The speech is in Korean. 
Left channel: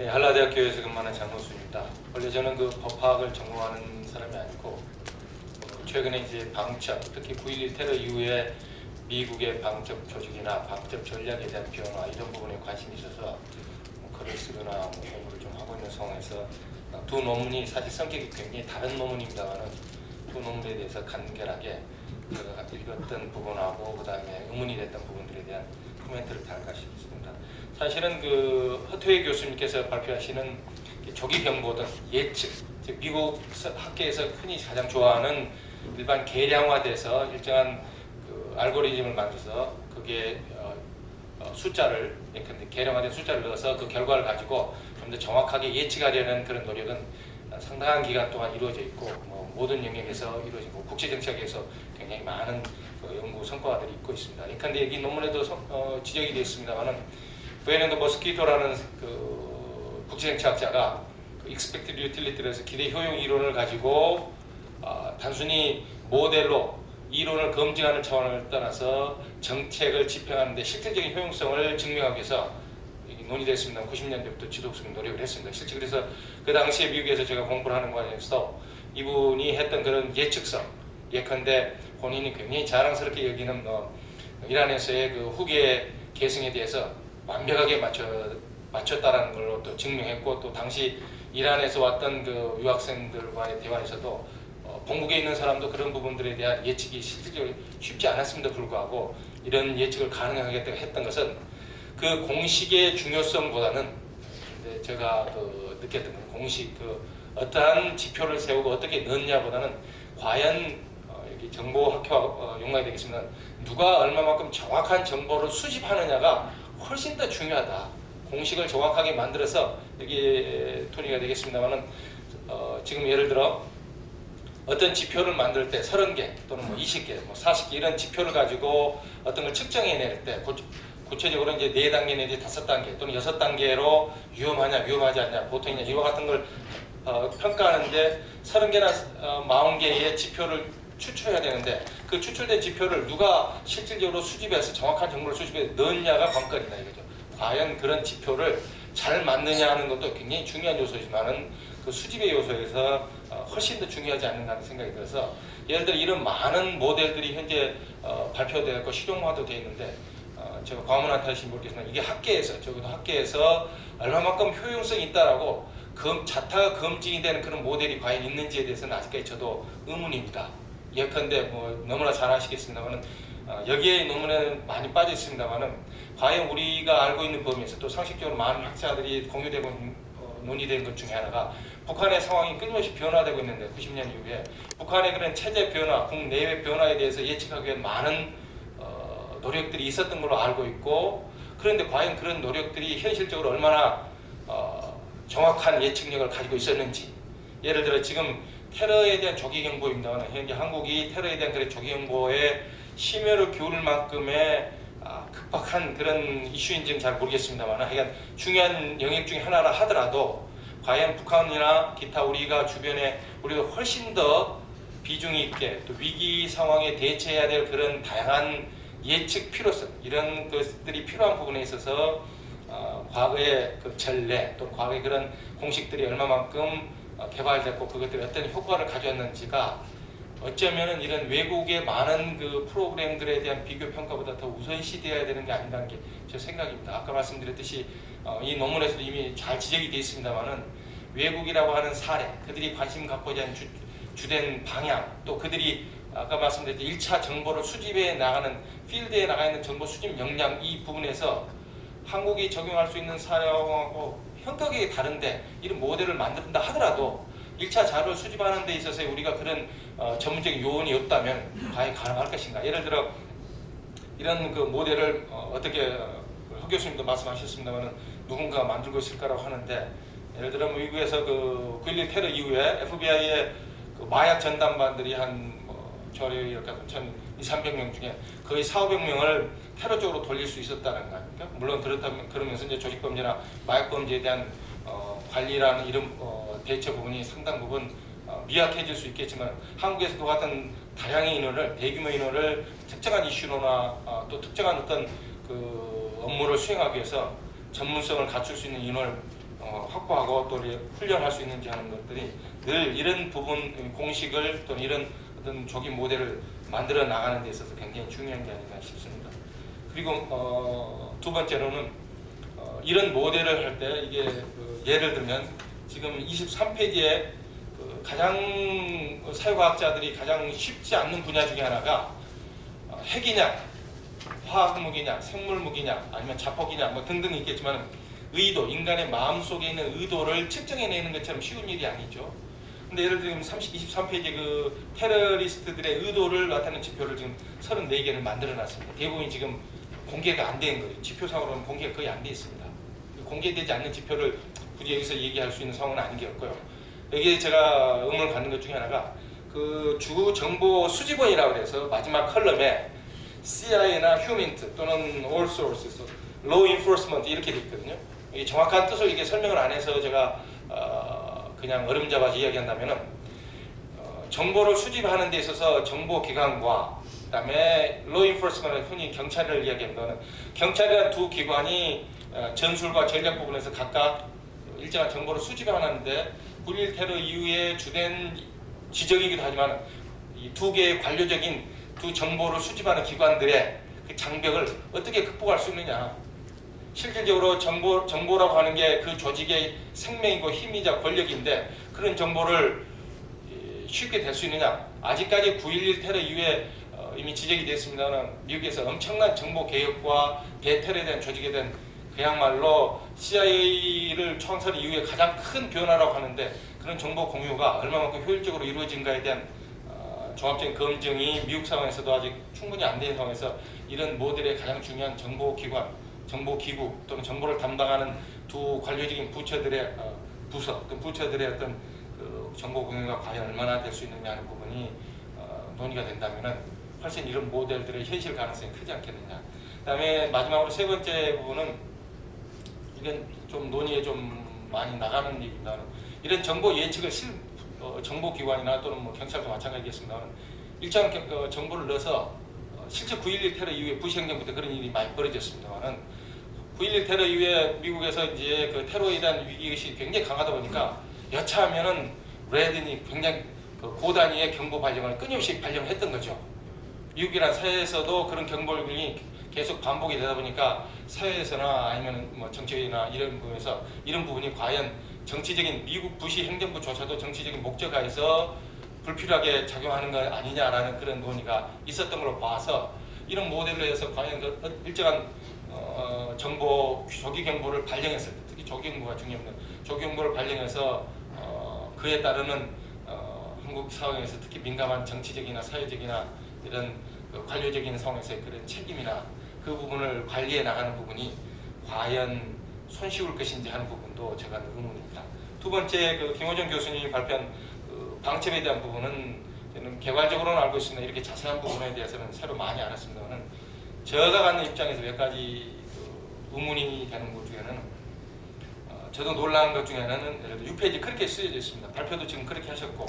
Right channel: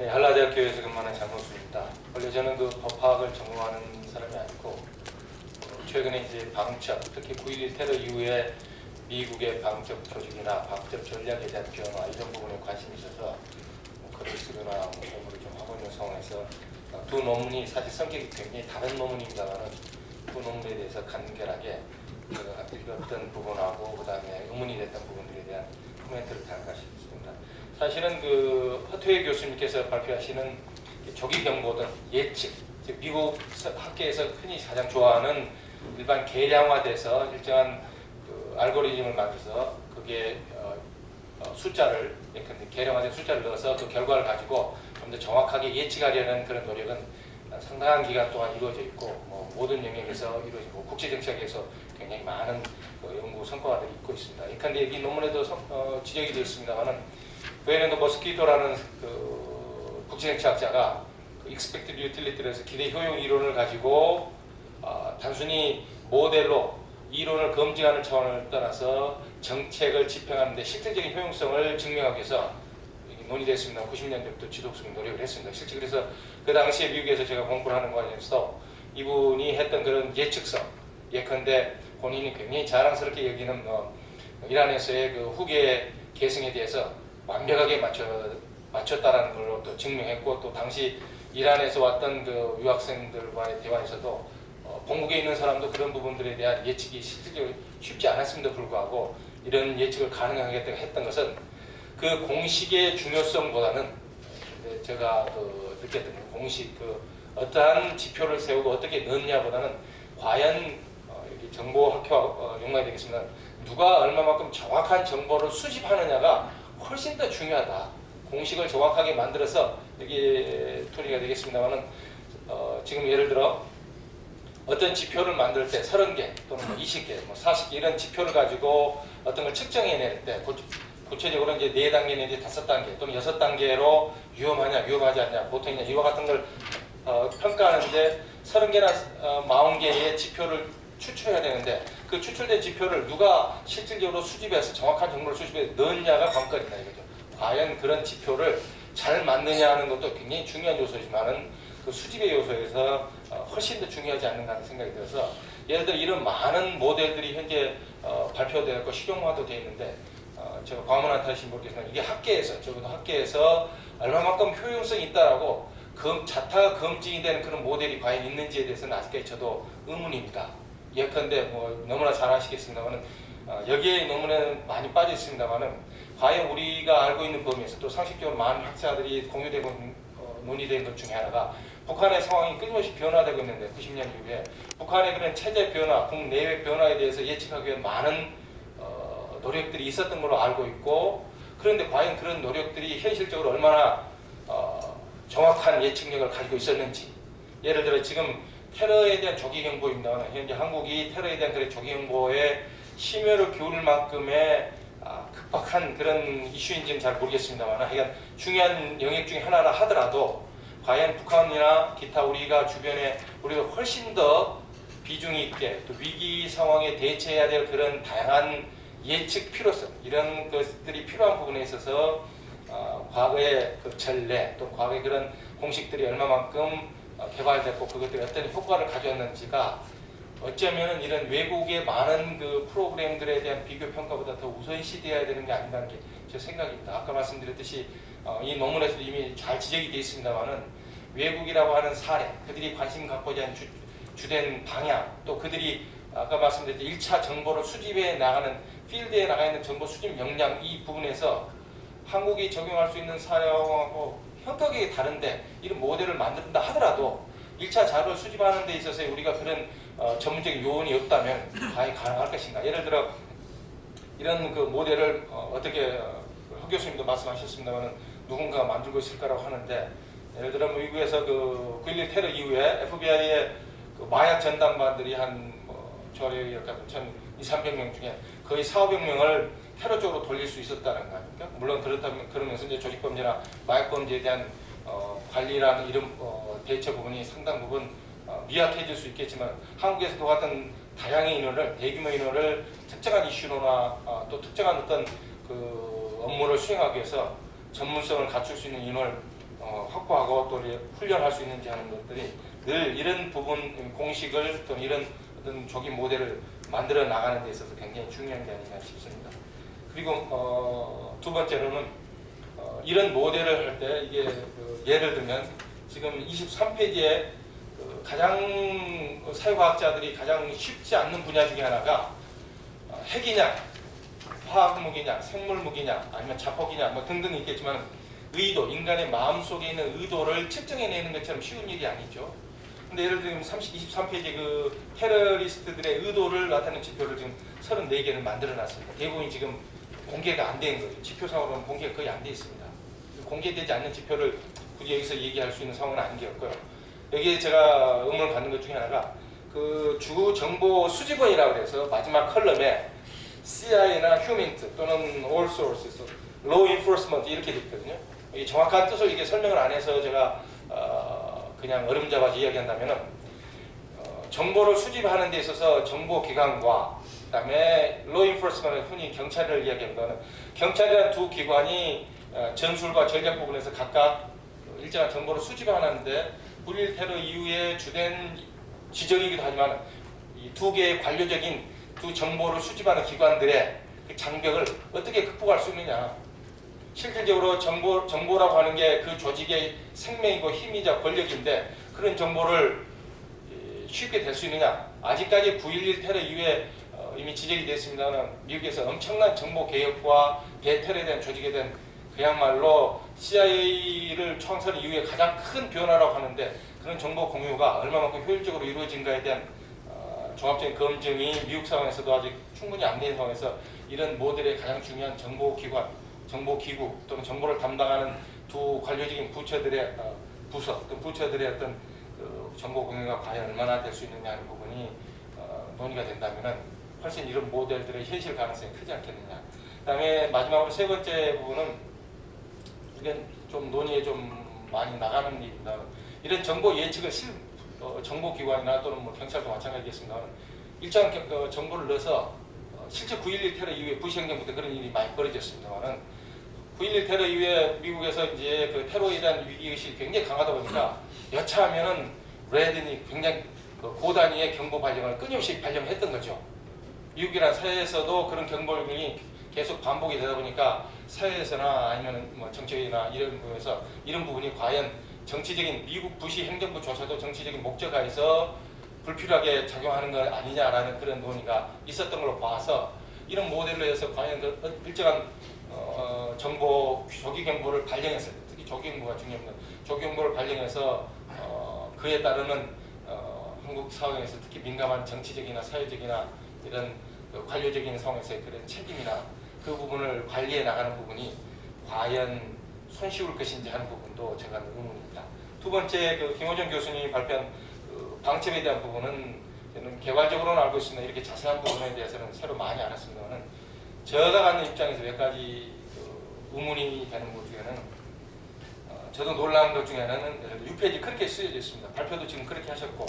네, 한라대학교에서 근무하는 장노수입니다. 원래 저는 그 법학을 전공하는 사람이 아니고 최근에 이제 방첩, 특히 9.11 테러 이후에 미국의 방첩 조직이나 방첩 전략에 대한 변화 이런 부분에 관심이 있어서 글을 쓰거나 공부를 좀 하고 있는 상황에서 두 논문이 사실 성격이 굉장히 다른 논문입니다만은 두 논문에 대해서 간결하게 제가 읽었던 부분하고 그 다음에 의문이 됐던 부분들에 대한 코멘트를 달까 싶습니다. 사실은 그 허태회 교수님께서 발표하시는 조기 경보등 예측, 즉 미국 학계에서 흔히 가장 좋아하는 일반 계량화돼서 일정한 그 알고리즘을 만들어서 그게 숫자를 예컨대 계량화된 숫자를 넣어서 그 결과를 가지고 좀 더 정확하게 예측하려는 그런 노력은 상당한 기간 동안 이루어져 있고 모든 영역에서 이루어지고 국제정책에서 굉장히 많은 그 연구 성과들이 있고 있습니다. 예컨대 여기 논문에도 지적이 되어 있습니다만은 베네도 머스키토라는 그 국제정치학자가 그 expected utility에서 기대 효용 이론을 가지고 단순히 모델로 이론을 검증하는 차원을 떠나서 정책을 집행하는 데 실질적인 효용성을 증명하기 위해서 논의됐습니다. 90년대부터 지속적인 노력을 했습니다. 실제 그래서 그 당시에 미국에서 제가 공부를 하는 과정에서 이분이 했던 그런 예측성, 예컨대 본인이 굉장히 자랑스럽게 여기는 이란에서의 그 후계 계승에 대해서 완벽하게 맞췄다라는 걸로 또 증명했고, 또 당시 이란에서 왔던 그 유학생들과의 대화에서도 본국에 있는 사람도 그런 부분들에 대한 예측이 실질적으로 쉽지 않았음에도 불구하고 이런 예측을 가능하게 했던 것은 그 공식의 중요성보다는 제가 그 느꼈던 공식, 그 어떠한 지표를 세우고 어떻게 넣느냐보다는 과연 여기 정보학회와 연관이 되겠습니다. 누가 얼마만큼 정확한 정보를 수집하느냐가 훨씬 더 중요하다. 공식을 정확하게 만들어서 여기 토리가 되겠습니다만은 지금 예를 들어 어떤 지표를 만들 때 30개 또는 20개, 40개 이런 지표를 가지고 어떤 걸 측정해낼 때 구체적으로 이제 4단계 내지 5단계 또는 6단계로 위험하냐 위험하지 않냐 보통이냐 이와 같은 걸 평가하는데 30개나 40개의 지표를 추출해야 되는데 그 추출된 지표를 누가 실질적으로 수집해서 정확한 정보를 수집해 넣느냐가 관건이다 이거죠. 과연 그런 지표를 잘 맞느냐 하는 것도 굉장히 중요한 요소지만은 그 수집의 요소에서 훨씬 더 중요하지 않는가 하는 생각이 들어서 예를 들어 이런 많은 모델들이 현재 발표되었고 실용화도 되어 있는데 제가 과문한 탓인지 모르겠지만 이게 학계에서 적어도 학계에서 얼마만큼 효용성이 있다라고 자타가 검증이 되는 그런 모델이 과연 있는지에 대해서는 아직까지 저도 의문입니다. 예컨대 너무나 잘 아시겠습니다만은 여기에 논문에 많이 빠져 있습니다만은 과연 우리가 알고 있는 범위에서 또 상식적으로 많은 학자들이 공유되고 논의된 것 중에 하나가 북한의 상황이 끊임없이 변화되고 있는데 90년 이후에 북한의 그런 체제 변화, 국내외 변화에 대해서 예측하기 위한 많은 노력들이 있었던 걸로 알고 있고, 그런데 과연 그런 노력들이 현실적으로 얼마나 정확한 예측력을 가지고 있었는지, 예를 들어 지금 테러에 대한 조기 경보입니다만 현재 한국이 테러에 대한 그런 조기 경보에 심혈을 기울일 만큼의 급박한 그런 이슈인지는 잘 모르겠습니다만 하여간 중요한 영역 중에 하나라 하더라도 과연 북한이나 기타 우리가 주변에 우리가 훨씬 더 비중이 있게 또 위기 상황에 대처해야 될 그런 다양한 예측 필요성 이런 것들이 필요한 부분에 있어서 과거의 그 전례 또는 과거의 그런 공식들이 얼마만큼 개발됐고 그것들이 어떤 효과를 가져왔는지가 어쩌면은 이런 외국의 많은 그 프로그램들에 대한 비교 평가보다 더 우선시되어야 되는 게 아닌가 하는 게 제 생각입니다. 아까 말씀드렸듯이 이 논문에서도 이미 잘 지적이 되어 있습니다만은 외국이라고 하는 사례, 그들이 관심 갖고자 하는 주된 방향, 또 그들이 아까 말씀드렸듯이 1차 정보를 수집해 나가는 필드에 나가 있는 정보 수집 역량 이 부분에서 한국이 적용할 수 있는 사례하고 형격이 다른데 이런 모델을 만든다 하더라도 1차 자료를 수집하는 데 있어서 우리가 그런 전문적인 요원이 없다면 과연 가능할 것인가. 예를 들어 이런 그 모델을 어떻게 허 교수님도 말씀하셨습니다만 누군가가 만들고 있을까라고 하는데 예를 들어 미국에서 그 9.11 테러 이후에 FBI의 그 마약 전담반들이 한 저를 이렇게 1,200~300명 중에 거의 400~500명을 테러 쪽으로 돌릴 수 있었다는 거 아닙니까? 물론 그러면서 이제 조직범죄나 마약범죄에 대한 관리라는 이런 대처 부분이 상당 부분 미약해질 수 있겠지만 한국에서도 같은 다량의 인원을 대규모 인원을 특정한 이슈로나 또 특정한 어떤 그 업무를 수행하기 위해서 전문성을 갖출 수 있는 인원을 확보하고 또 훈련할 수 있는지 하는 것들이 늘 이런 부분 공식을 또는 이런 어떤 조기 모델을 만들어 나가는 데 있어서 굉장히 중요한 게 아닌가 싶습니다. 그리고 두 번째로는 이런 모델을 할 때 이게 예를 들면 지금 23페이지에 가장 사회과학자들이 가장 쉽지 않는 분야 중에 하나가 핵이냐, 화학무기냐, 생물무기냐, 아니면 자폭이냐 뭐 등등 있겠지만 의도, 인간의 마음속에 있는 의도를 측정해내는 것처럼 쉬운 일이 아니죠. 근데 예를 들면 23페이지 그 테러리스트들의 의도를 나타내는 지표를 지금 34개를 만들어 놨습니다. 대부분이 지금 공개가 안 된 거예요. 지표상으로는 공개가 거의 안 돼 있습니다. 공개되지 않는 지표를 굳이 여기서 얘기할 수 있는 상황은 아닌 게 없고요. 여기에 제가 의문을 갖는 것 중에 하나가 그 주 정보 수집원이라고 해서 마지막 컬럼에 CIA나 휴민트 또는 All Sources, Law Enforcement 이렇게 돼 있거든요. 이 정확한 뜻을 이게 설명을 안 해서 제가 그냥 어림잡아서 이야기한다면은 정보를 수집하는 데 있어서 정보기관과 그다음에 Law Enforcement, 흔히 경찰을 이야기하는 경찰이라는 두 기관이 전술과 전략 부분에서 각각 일정한 정보를 수집하는데 9.11 테러 이후에 주된 지적이기도 하지만 이 두 개의 관료적인 두 정보를 수집하는 기관들의 그 장벽을 어떻게 극복할 수 있느냐. 실질적으로 정보라고 하는 게 그 조직의 생명이고 힘이자 권력인데 그런 정보를 쉽게 될 수 있느냐. 아직까지 9.11 테러 이후에 이미 지적이 됐습니다만 미국에서 엄청난 정보 개혁과 대테러에 대한 조직에 대한 그야말로 CIA를 창설 이후에 가장 큰 변화라고 하는데 그런 정보 공유가 얼마만큼 효율적으로 이루어진가에 대한 종합적인 검증이 미국 상황에서도 아직 충분히 안 된 상황에서 이런 모델의 가장 중요한 정보기관, 정보기구 또는 정보를 담당하는 두 관료적인 부처들의 부서, 또 부처들의 어떤 그 정보 공유가 과연 얼마나 될 수 있느냐 하는 부분이 논의가 된다면은 훨씬 이런 모델들의 현실 가능성이 크지 않겠느냐. 그다음에 마지막으로 세 번째 부분은 이건 좀 논의에 좀 많이 나가는 얘기입니다. 이런 정보 예측을 정보기관이나 또는 뭐 경찰도 마찬가지겠습니다만 일정 정보를 넣어서 실제 9.11 테러 이후에 부시 행정부 때 그런 일이 많이 벌어졌습니다만은 9.11 테러 이후에 미국에서 이제 그 테러에 대한 위기의식이 굉장히 강하다 보니까 여차하면은 레드니 굉장히 고단위의 경보 발령을 끊임없이 발령했던 거죠. 미국이란 사회에서도 그런 경보령이 계속 반복이 되다 보니까 사회에서나 아니면 뭐 정치나 이런 부분에서 이런 부분이 과연 정치적인 미국 부시 행정부조차도 정치적인 목적하에서 불필요하게 작용하는 것 아니냐라는 그런 논의가 있었던 걸로 봐서 이런 모델로 해서 과연 일정한 정보 조기 경보를 발령했을 때 특히 조기 경보가 중요합니다. 조기 경보를 발령해서 그에 따르는 한국 상황에서 특히 민감한 정치적이나 사회적이나 이런 관료적인 상황에서의 그런 책임이나 그 부분을 관리해 나가는 부분이 과연 손쉬울 것인지 하는 부분도 제가 의문입니다. 두 번째 김호정 교수님이 발표한 방첩에 대한 부분은 저는 개괄적으로는 알고 있습니다. 이렇게 자세한 부분에 대해서는 새로 많이 알았습니다만 제가 갖는 입장에서 몇 가지 의문이 되는 것 중에는 저도 놀라는 것 중에 하나는 예를 들어 6페이지 그렇게 쓰여져 있습니다. 발표도 지금 그렇게 하셨고